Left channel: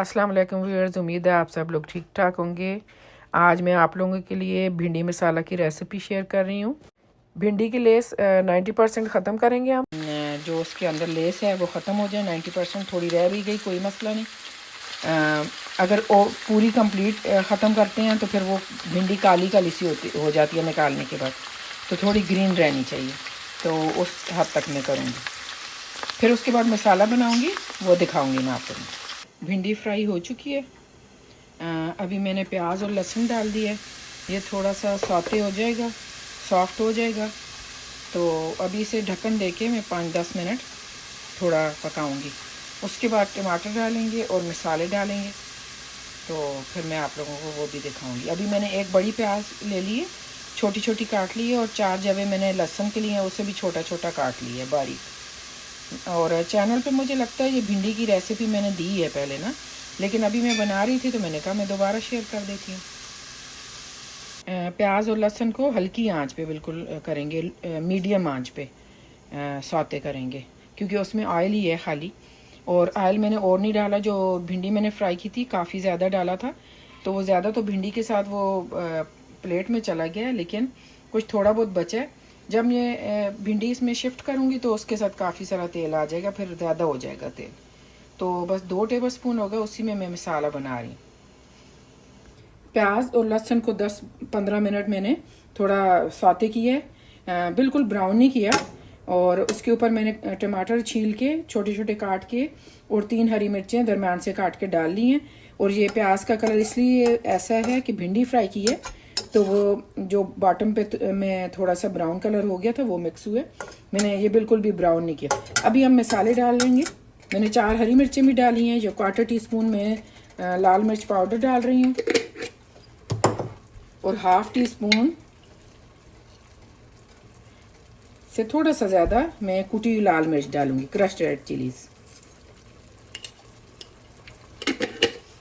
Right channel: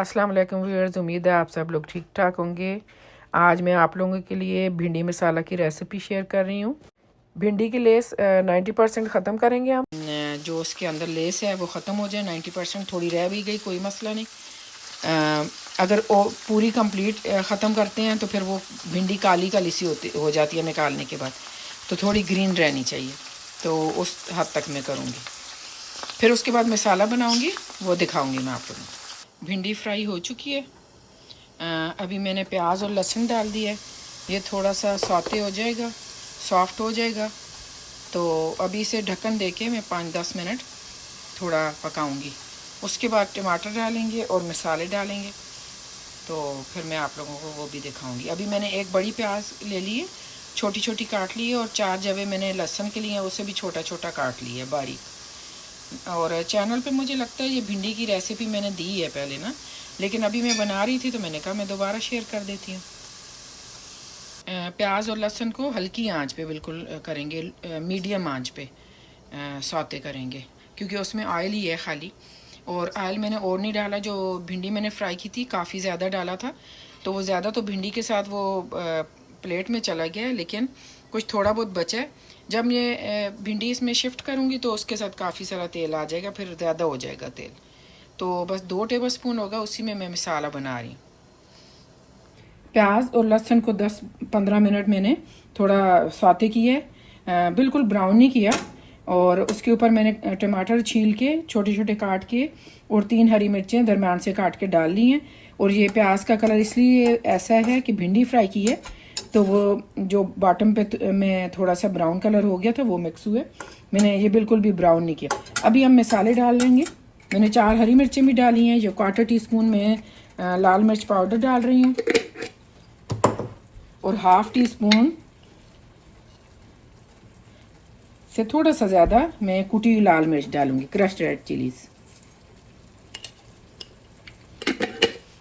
अस्सलाम वालेकुम व्यूअर्स, उम्मीद है आप सब लोग ठीक ठाक होंगे। आज मैं आप लोगों के लिए भिंडी मसाला की रेसिपी शेयर कर रही हूँ। भिंडी की लेस 90% ख़त्म करेंगे हम। जो उसके अंदर लेस है वो ख़त्म हो जाए, 90% थोड़ी रह भी गई कोई मसला नहीं। अगर वो पूरी कंप्लीट ख़त्म करते हैं तो फिर वो भिंडी काली काली सी हो जाती है निकालने के बाद, तो थोड़ी ग्रीन रहनी चाहिए। तो उस हद तक मैं करूँगी, फिर उसके बाद मसाला बनाऊँगी, वो दिखाऊँगी मैं आप लोगों को। भिंडी फ्राई हो चुकी है। अभी मैंने प्याज और लहसुन डाल दिया है। ये थोड़ा सा सौते हो जाएगा, सॉफ्ट हो जाएगा, तो अभी इसे ढक्कन देके मैं 5-10 मिनट थोड़ा पकाऊंगी। उसके बाद टमाटर डालेंगे और मसाले डालेंगे, तो फिर मैं आप लोगों को वो भी दिखाऊंगी। अभी मैंने एक बड़ी प्याज ले ली है, छोटी छोटी काट ली है, और 4 जवे मैंने लहसुन के लिए उसे भी छोटा छोटा काट लिया है बारीक। और चैनल पे मुझे लगता है ये भिंडी की रेसिपी मैंने दी है पहले ना, लेकिन अभी मैं बना रही थी तो मैंने कहा मैं दोबारा शेयर कर देती हूँ। प्याज और लहसुन को हल्की आंच पे बिल्कुल करेंगे, मीडियम आंच पे सौते करेंगे, क्योंकि उसमें ऑयल ही है खाली। और ऑयल मैंने और नहीं डाला, जो भिंडी मैंने फ्राई की थी काफ़ी ज़्यादा डाला था, तो वो ज़्यादा तो भिंडी के साथ वो प्लेट में चला गया, लेकिन कुछ थोड़ा बहुत बचा है। जब ये भिंडी इसमें शिफ्ट करूँगी तो उसके साथ काफ़ी सारा तेल आ जाएगा, फिर ज़्यादा हो जाएगा तेल। तो बस 2 टेबल स्पून होगा, उसी में मैं मसाला बना रही हूँ। प्याज और लहसुन को 10-15 मिनट मैंने थोड़ा सौते किया, बिल्कुल ब्राउन नहीं किया। और उसके ऊपर मैंने टमाटर छील के छोटे छोटे काट के और 3 हरी मिर्चें दरम्यान से काट के डाल ली हैं। और ये प्याज का कलर इसलिए ऐसा है कि भिंडी फ्राई की है, तो वो जो बॉटम पे में थोड़ा सा ब्राउन कलर हो गया था वो मिक्स हुए। मैंने ये बिल्कुल भी ब्राउन नहीं किया। अभी हम मसाले डाल लेंगे। मैंने 4 हरी मिर्चें भी डाली हैं, जो 1/4 टीस्पून में लाल मिर्च पाउडर डाल रही हूँ, और 1/2 टीस्पून से थोड़ा सा ज़्यादा मैं कुटी हुई लाल मिर्च डालूंगी, क्रश्ड रेड चिलीज।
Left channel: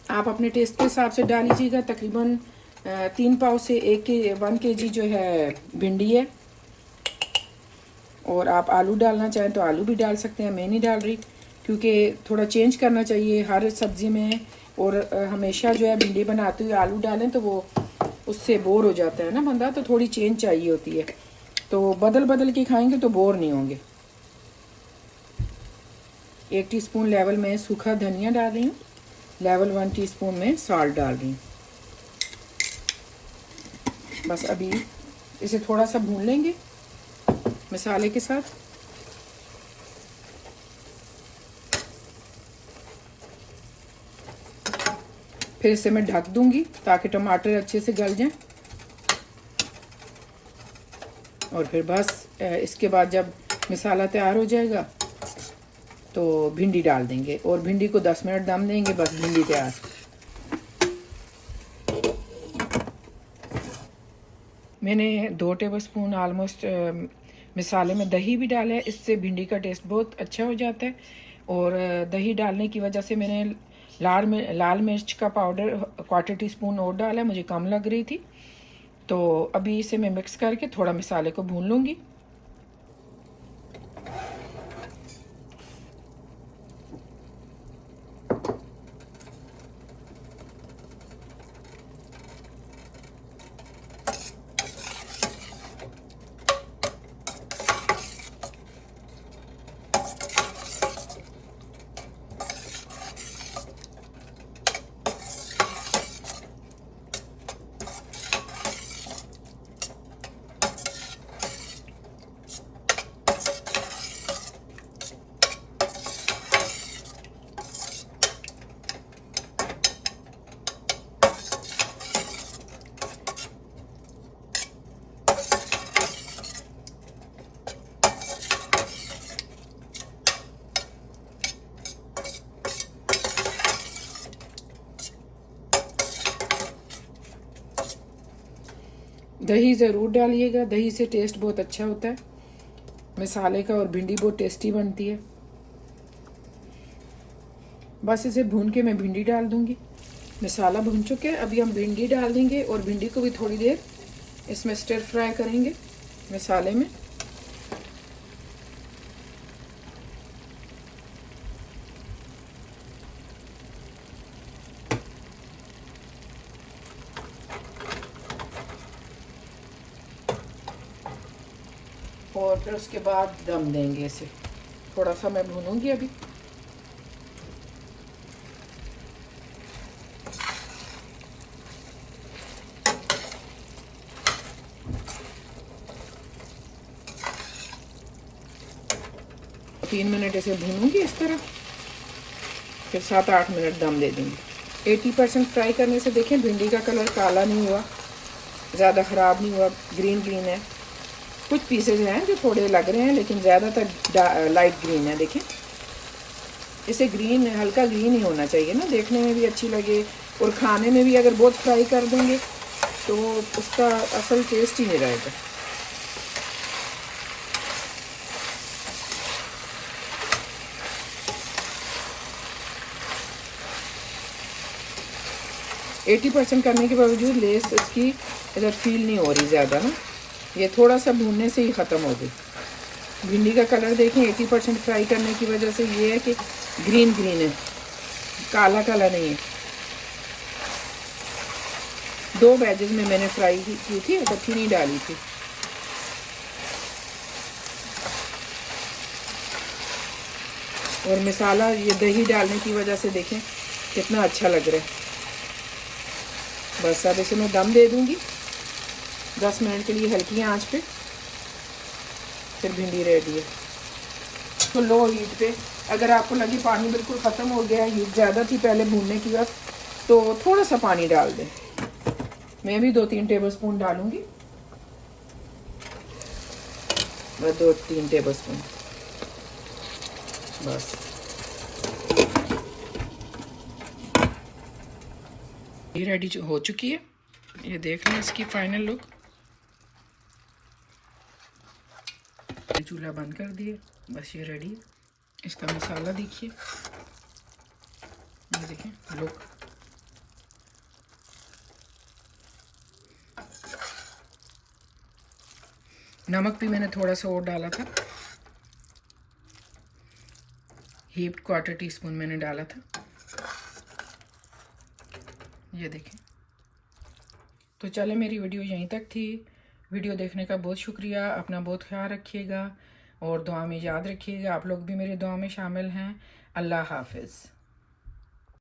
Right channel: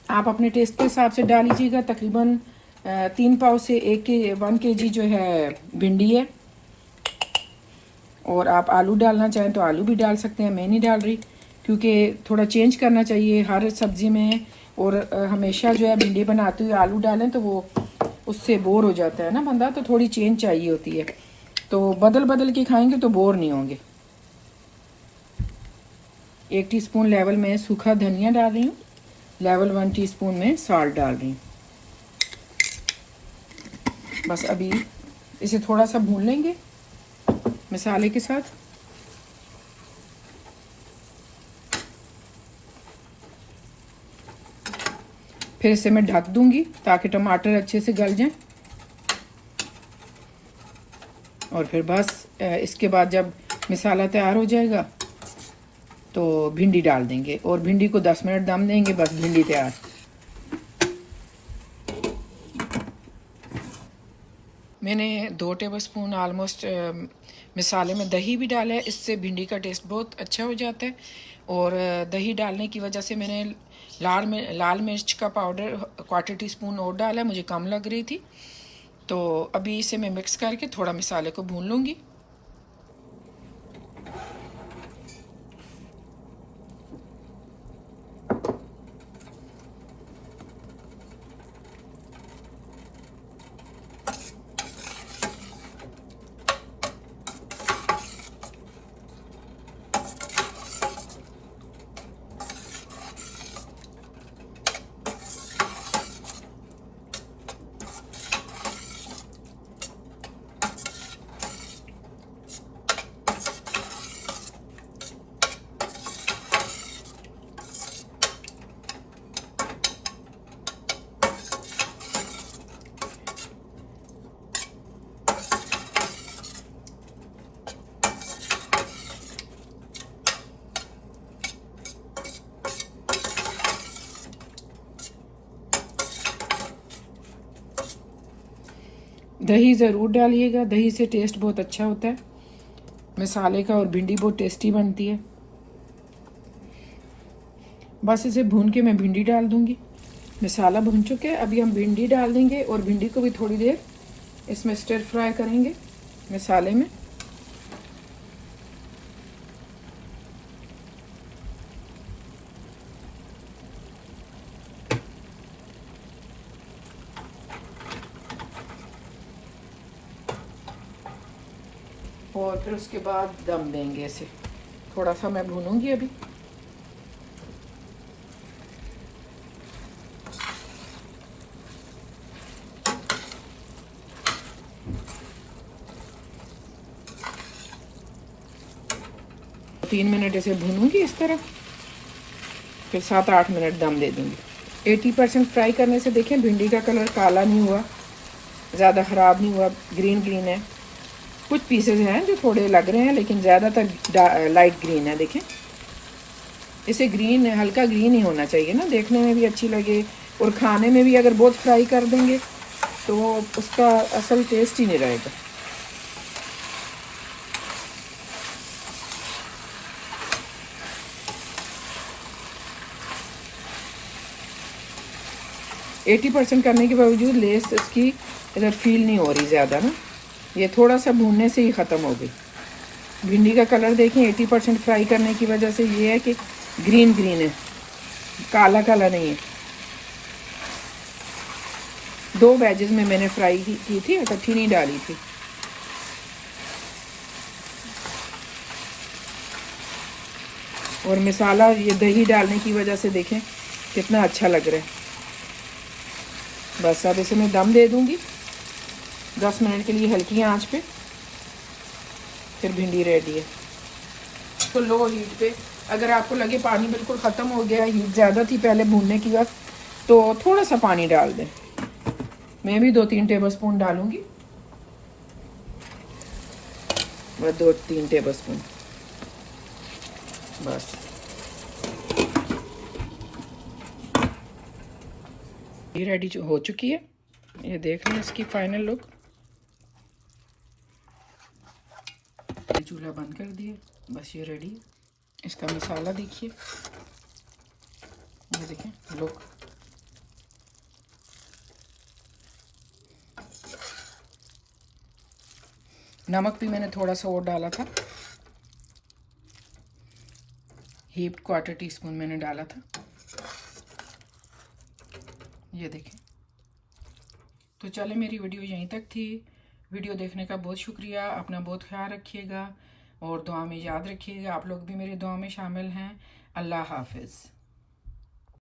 आप अपने टेस्ट के हिसाब से डाल लीजिएगा। तकरीबन 3 पाव से 1 kg जो है भिंडी है। और आप आलू डालना चाहें तो आलू भी डाल सकते हैं, मैं नहीं डाल रही, क्योंकि थोड़ा चेंज करना चाहिए हर सब्जी में। और हमेशा जो है भिंडी बनाते हुए आलू डालें तो वो उससे बोर हो जाता है ना बंदा, तो थोड़ी चेंज चाहिए होती है। तो बदल बदल के खाएंगे तो बोर नहीं होंगे। 1 टीस्पून लेवल में सूखा धनिया डाल रही हूँ, लेवल 1 टीस्पून में सॉल्ट डाल रही हूँ। बस अभी इसे थोड़ा सा भून लेंगे मसाले के साथ। फिर इसे मैं ढक दूंगी ताकि टमाटर अच्छे से गल जाएं। और फिर बस इसके बाद जब मसाला तैयार हो जाएगा तो भिंडी डाल देंगे, और भिंडी को 10 मिनट दम देंगे, बस भिंडी तैयार। मैंने 2 टेबल स्पून ऑलमोस्ट मसाले में दही भी डाला है, इससे भिंडी का टेस्ट बहुत अच्छा हो जाता है। और दही डालने की वजह से मैंने लाल मिर्च का पाउडर 1/4 टीस्पून और डाला है, मुझे कम लग रही थी। तो अभी इसे मैं मिक्स करके थोड़ा मसाले को भून लूँगी। दही ज़रूर डालिएगा, दही से टेस्ट बहुत अच्छा होता है मसाले का, और भिंडी बहुत टेस्टी बनती है। बस इसे भून के मैं भिंडी डाल दूंगी। मसाला भून चुके हैं, अभी हम भिंडी डाल देंगे, और भिंडी को भी थोड़ी देर इसमें स्टर फ्राई करेंगे मसाले में। और फिर उसके बाद दम देंगे इसे। थोड़ा सा मैं भूनूंगी अभी। तीन मिनट इसे भूनूंगी इस तरह, फिर 7-8 मिनट दम दे दूंगी। 80% फ्राई करने से देखें भिंडी का कलर काला नहीं हुआ, ज़्यादा ख़राब नहीं हुआ, ग्रीन ग्रीन है। कुछ पीसेस हैं जो थोड़े लग रहे हैं, लेकिन ज़्यादातर लाइट ग्रीन है। देखें इसे ग्रीन है, हल्का ग्रीन ही होना चाहिए ना, देखने में भी अच्छी लगे और खाने में भी। अगर बहुत फ्राई कर देंगे तो उसका असल टेस्ट ही नहीं रहेगा। एटी % करने के बावजूद लेस इसकी इधर फील नहीं हो रही ज़्यादा ना, ये थोड़ा सा भूनने से ही ख़त्म हो गई। भिंडी का कलर देखें 80% फ्राई करने की वजह से ये है कि ग्रीन ग्रीन है, काला काला नहीं है। 2 बैचेस में मैंने फ्राई की थी, इकट्ठी नहीं डाली थी। और मसाला ये दही डालने की वजह से देखें कितना अच्छा लग रहा है। बस अब इसे मैं दम दे दूंगी 10 मिनट के लिए हल्की आंच पे, फिर भिंडी रेडी है। तो लो हीट पे, अगर आपको लगे पानी बिल्कुल ख़त्म हो गया, हीट ज़्यादा थी पहले भूनने की वक्त, तो थोड़ा सा पानी डाल दें। मैं भी 2-3 टेबलस्पून डालूंगी, मैं 2-3 टेबलस्पून बस। ये रेडी हो चुकी है, ये देख लें इसकी फाइनल लुक। चूल्हा बंद कर दिए, बस ये रेडी। इसका मसाला देखिए, ये देखें लुक। नमक भी मैंने थोड़ा सा और डाला था, हीप्ड 1/4 टीस्पून मैंने डाला था, ये देखें। तो चले, मेरी वीडियो यहीं तक थी। वीडियो देखने का बहुत शुक्रिया। अपना बहुत ख्याल रखिएगा और दुआ में याद रखिएगा। आप लोग भी मेरी दुआ में शामिल हैं। अल्लाह हाफिज़।